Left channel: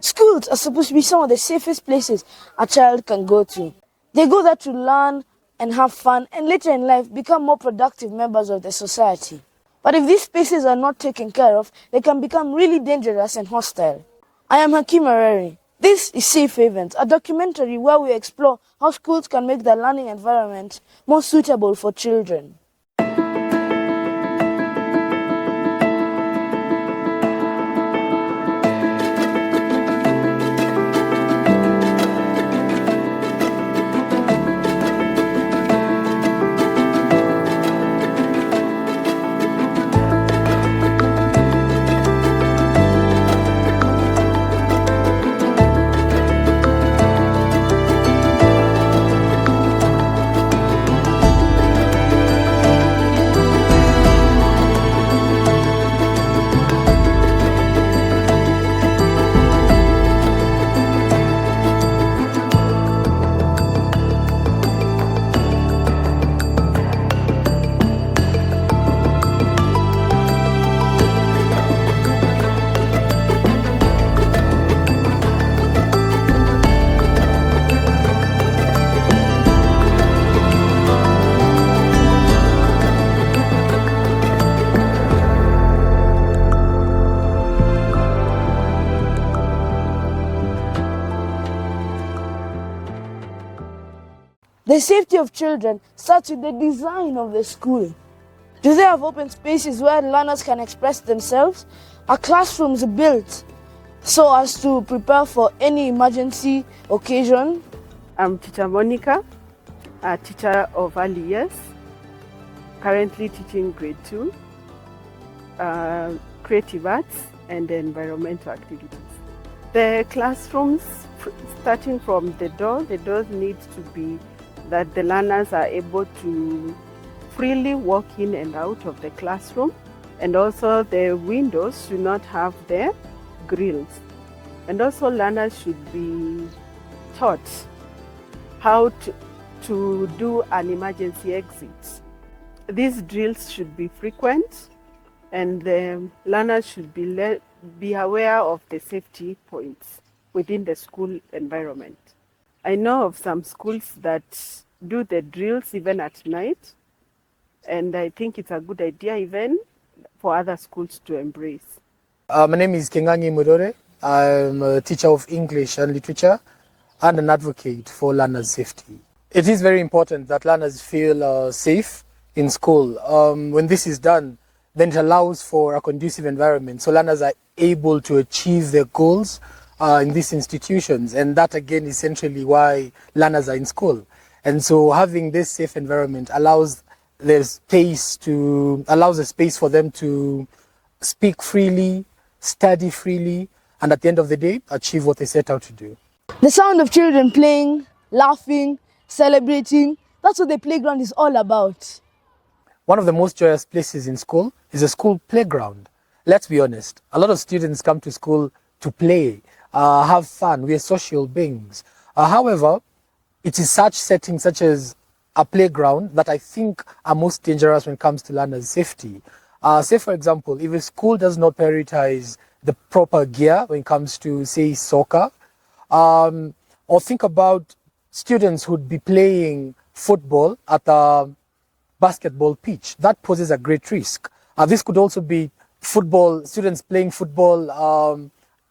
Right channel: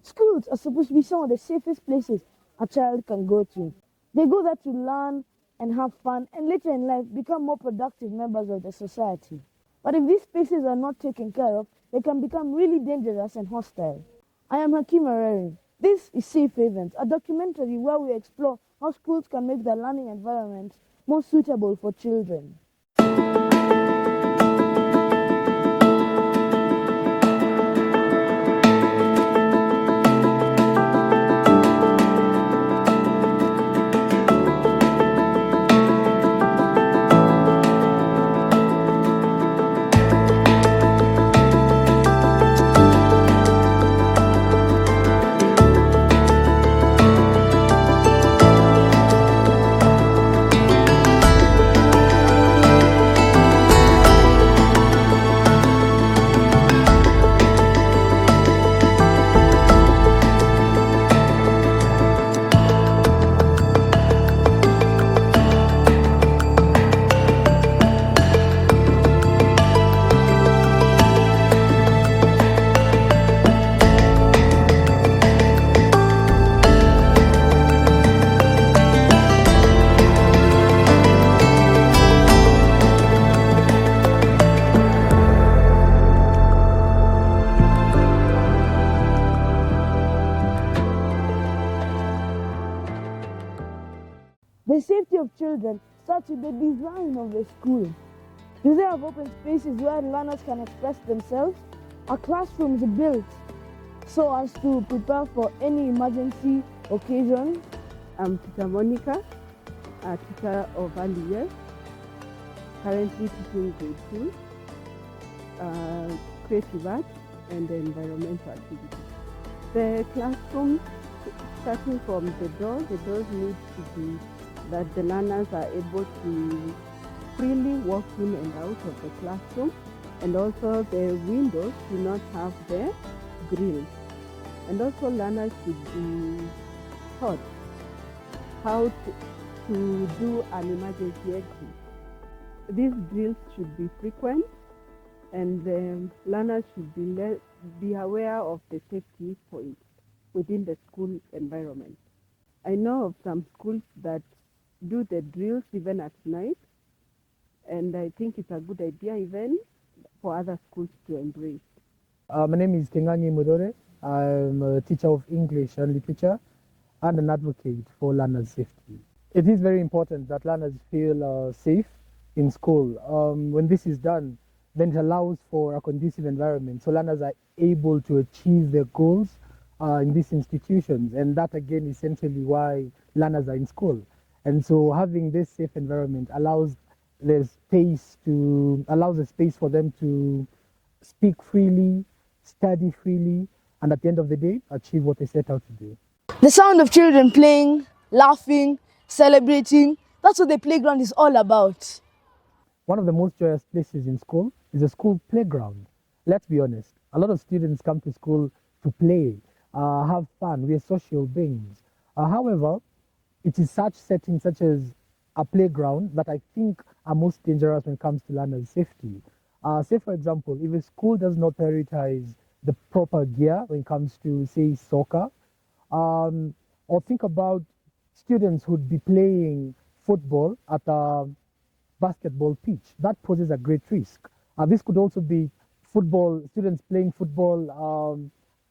Schools are supposed to be some of the safest places a child can go to. They go there to learn and have fun and later in life become more productive members of the society. But if these spaces are not taken care of, they can become really dangerous and hostile. I am Hakeem Areri. This is Safe Havens, a documentary where we explore how schools can make their learning environment more suitable for children. The safety of children starts with the design of the school. Do they have open spaces where learners can express themselves? Are classrooms built so as to prepare for any emergency occasion? I'm Teacher Monica, a teacher of early years, currently teaching grade 2, creative arts and environmental activities. The classrooms, starting from the doors need to be that the learners are able to freely walk in and out of the classroom, and also the windows should not have the grills. And also learners should be taught how to do an emergency exit. These drills should be frequent, and the learners should be aware of the safety points within the school environment. I know of some schools that do the drills even at night, and I think it's a good idea even for other schools to embrace. My name is Hakeem Areri. I'm a teacher of English and literature and an advocate for learners' safety. It is very important that learners feel safe in school. When this is done, then it allows for a conducive environment so learners are able to achieve their goals in these institutions, and that again is essentially why learners are in school. And so having this safe environment allows a space for them to speak freely, study freely, and at the end of the day, achieve what they set out to do. The sound of children playing, laughing, celebrating, that's what the playground is all about. One of the most joyous places in school is a school playground. Let's be honest, a lot of students come to school to play, have fun. We are social beings. However, it is such settings such as a playground that I think are most dangerous when it comes to learners' safety. Say, for example, if a school does not prioritize the proper gear when it comes to, say, soccer, or think about students who'd be playing football at a basketball pitch. That poses a great risk. This could also be students playing football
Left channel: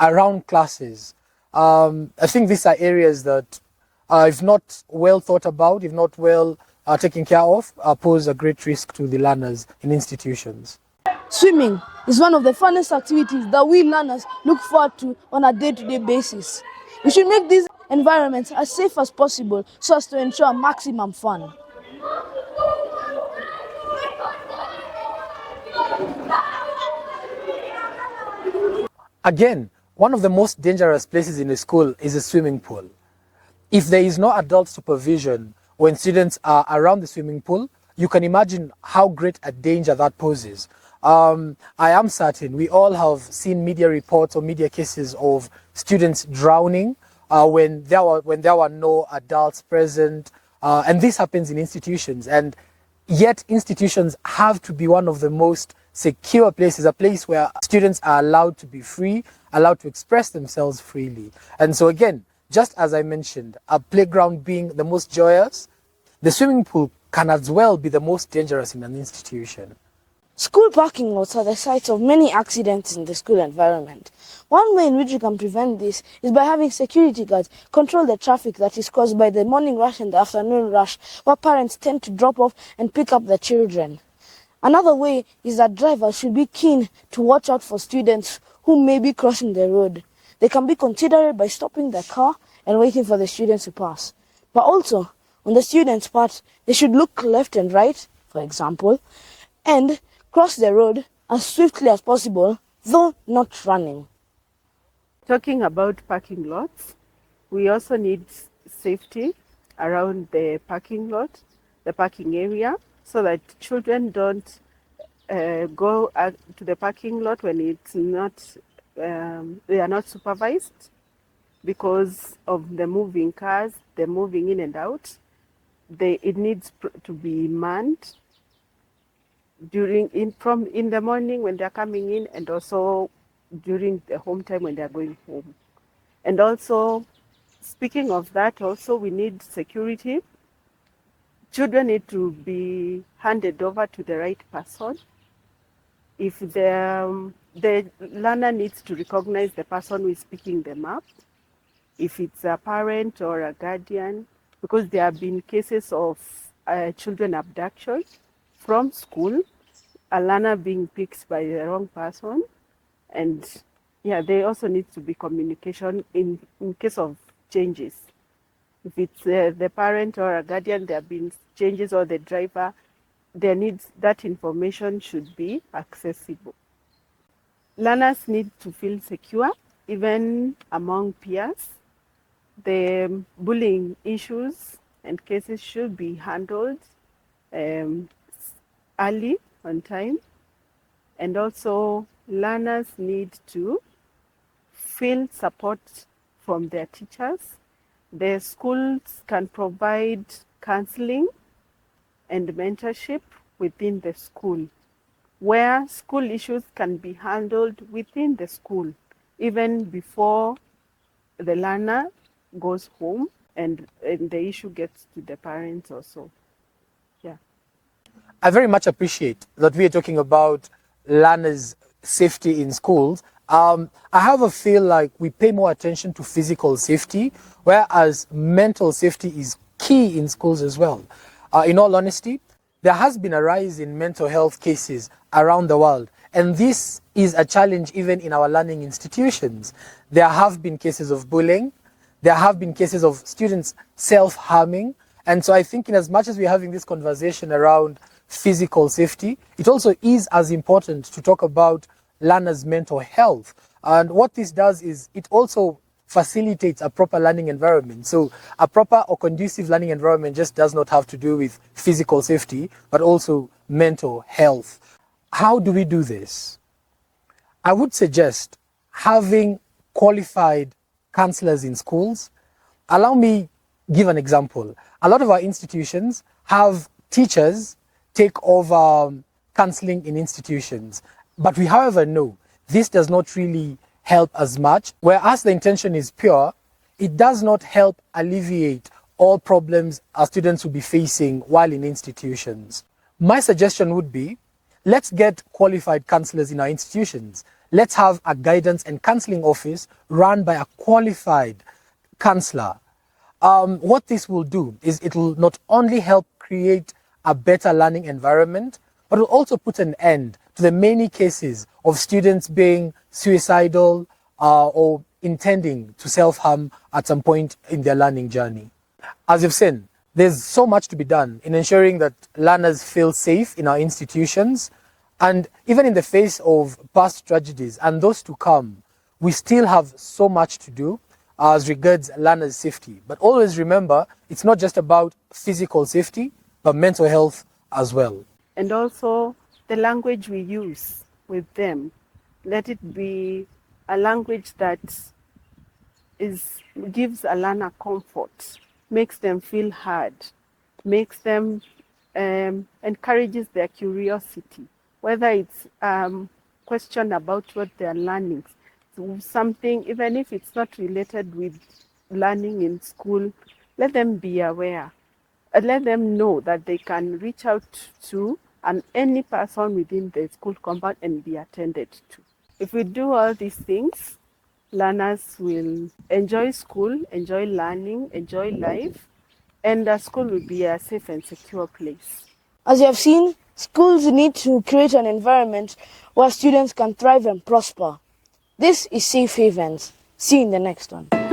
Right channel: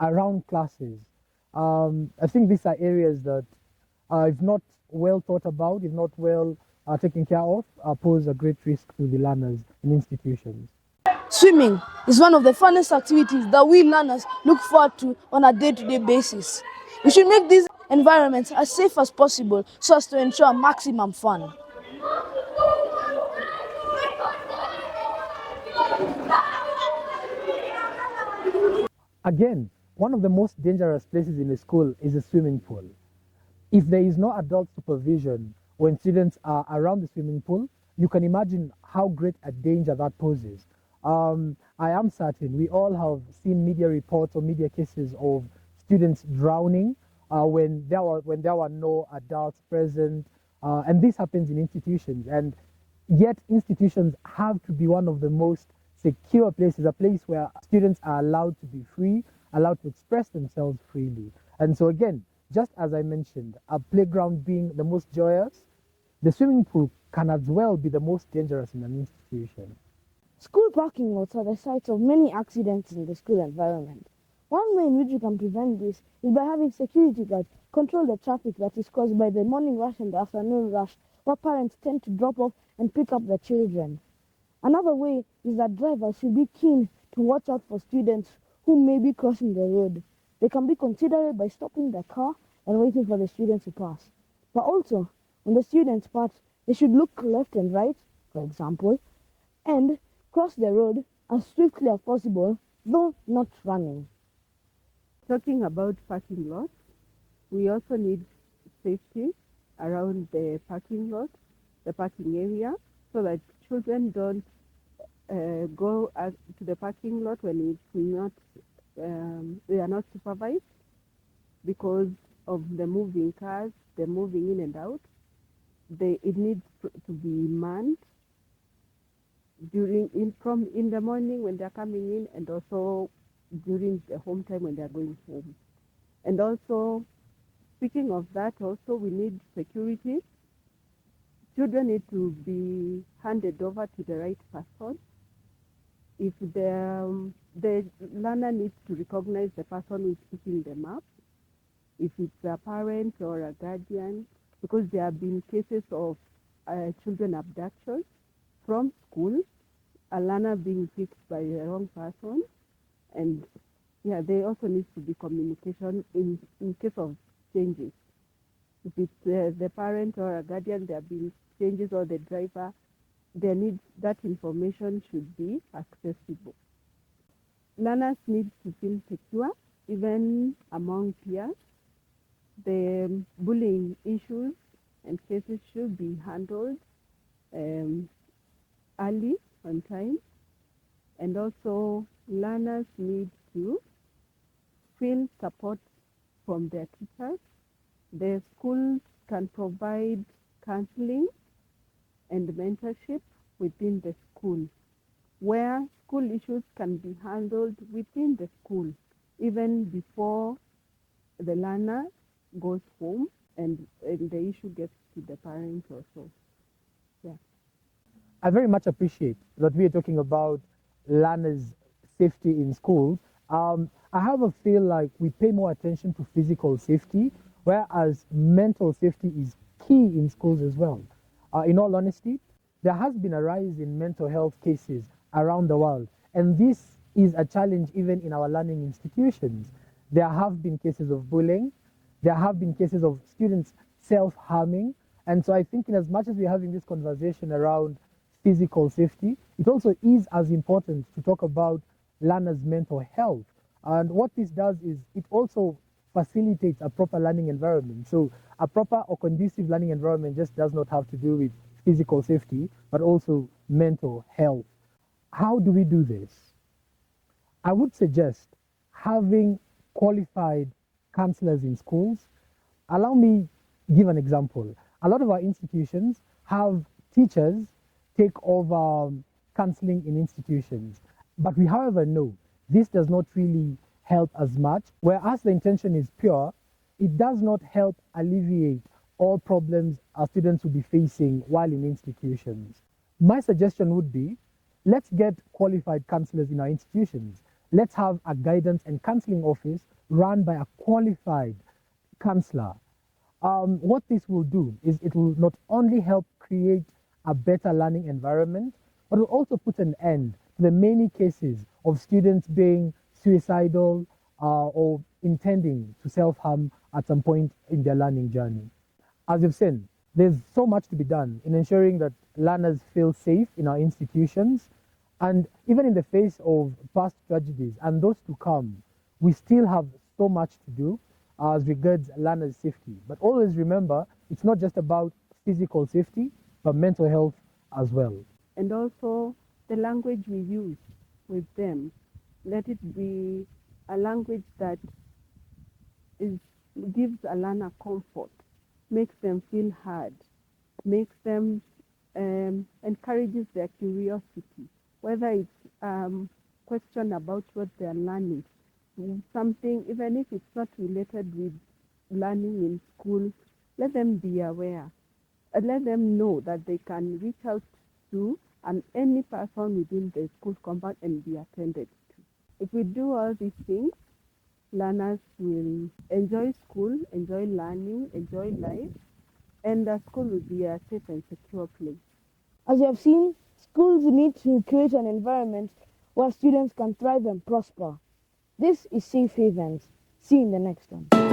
around classes. I think these are areas that, if not well thought about, if not well taken care of, pose a great risk to the learners in institutions. Swimming is one of the funnest activities that we learners look forward to on a day-to-day basis. We should make these environments as safe as possible so as to ensure maximum fun. Again, one of the most dangerous places in a school is a swimming pool. If there is no adult supervision when students are around the swimming pool, you can imagine how great a danger that poses. I am certain we all have seen media reports or media cases of students drowning when there were no adults present, and this happens in institutions. And yet institutions have to be one of the most secure places, a place where students are allowed to be free, allowed to express themselves freely. And so again, just as I mentioned, a playground being the most joyous, the swimming pool can as well be the most dangerous in an institution. School parking lots are the sites of many accidents in the school environment. One way in which you can prevent this is by having security guards control the traffic that is caused by the morning rush and the afternoon rush, where parents tend to drop off and pick up their children. Another way is that drivers should be keen to watch out for students who may be crossing the road. They can be considerate by stopping their car and waiting for the students to pass. But also, on the students' part, they should look left and right, for example, and cross the road as swiftly as possible, though not running. Talking about parking lots, we also need safety around the parking lot, the parking area, so that children don't go to the parking lot when it's not, they are not supervised because of the moving cars, the moving in and out. It needs to be manned in the morning when they're coming in, and also during the home time when they're going home. And also, speaking of that, also we need security. Children need to be handed over to the right person. If the learner needs to recognize the person who is picking them up, if it's a parent or a guardian, because there have been cases of children abduction from school, a learner being picked by the wrong person. And yeah, there also needs to be communication in case of changes. If it's the parent or a guardian, there have been changes, or the driver, that information should be accessible. Learners need to feel secure, even among peers. The bullying issues and cases should be handled early, on time. And also, learners need to feel support from their teachers. The schools can provide counseling and mentorship within the school, where school issues can be handled within the school, even before the learner goes home and the issue gets to the parents also. Yeah. I very much appreciate that we are talking about learners' safety in schools. I have a feel like we pay more attention to physical safety, whereas mental safety is key in schools as well. In all honesty, there has been a rise in mental health cases around the world, and this is a challenge even in our learning institutions. There have been cases of bullying, there have been cases of students self-harming, and so I think in as much as we're having this conversation around physical safety, it also is as important to talk about learners' mental health. And what this does is it also facilitates a proper learning environment. So a proper or conducive learning environment just does not have to do with physical safety, but also mental health. How do we do this? I would suggest having qualified counselors in schools. Allow me give an example. A lot of our institutions have teachers take over counseling in institutions. But we, however, know this does not really help as much. Whereas the intention is pure, it does not help alleviate all problems our students will be facing while in institutions. My suggestion would be, let's get qualified counselors in our institutions. Let's have a guidance and counseling office run by a qualified counselor. What this will do is it will not only help create a better learning environment, but will also put an end to the many cases of students being suicidal or intending to self-harm at some point in their learning journey. As you've seen, there's so much to be done in ensuring that learners feel safe in our institutions, and even in the face of past tragedies and those to come, we still have so much to do as regards learners' safety. But always remember, it's not just about physical safety, but mental health as well. And also the language we use with them. Let it be a language that gives a learner comfort, makes them feel heard, makes them encourages their curiosity, whether it's question about what they're learning. something, even if it's not related with learning in school, let them be aware. Let them know that they can reach out to any person within the school compound and be attended to. If we do all these things, learners will enjoy school, enjoy learning, enjoy life, and the school will be a safe and secure place. As you have seen, schools need to create an environment where students can thrive and prosper. This is Safe Havens. See you in the next one.